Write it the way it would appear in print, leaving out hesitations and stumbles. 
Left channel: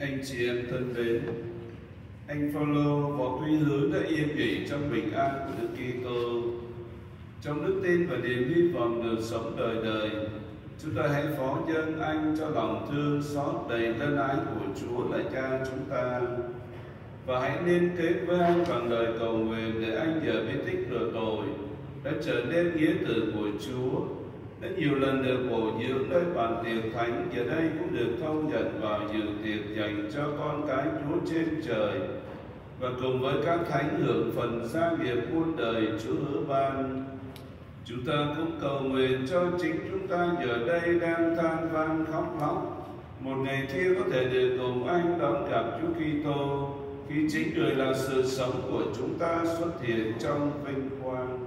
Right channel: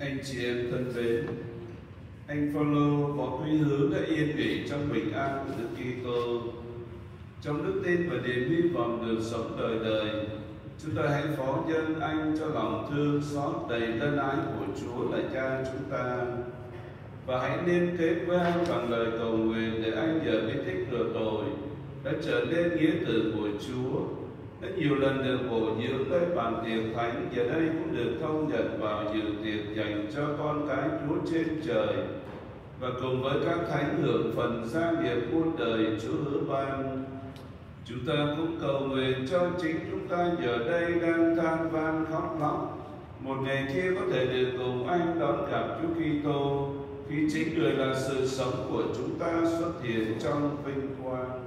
Anh chị em thân mến, anh Phaolô có quy hướng đã yên nghỉ trong bình an của Đức Kitô. Trong đức tin và niềm hy vọng được sống đời đời, chúng ta hãy phó dâng anh cho lòng thương xót đầy ân ái của Chúa là Cha chúng ta, và hãy liên kết với anh bằng lời cầu nguyện để anh nhờ bí tích rửa tội đã trở nên nghĩa tử của Chúa, đã nhiều lần được bổ dưỡng nơi bàn tiệc thánh, giờ đây cũng được thông nhận vào dự tiệc dành cho con cái Chúa trên trời, và cùng với các thánh hưởng phần gia nghiệp muôn đời Chúa hứa ban. Chúng ta cũng cầu nguyện cho chính chúng ta giờ đây đang than van khóc lóc, một ngày kia có thể được cùng anh đón gặp Chúa Kitô, khi chính Người là sự sống của chúng ta xuất hiện trong vinh quang.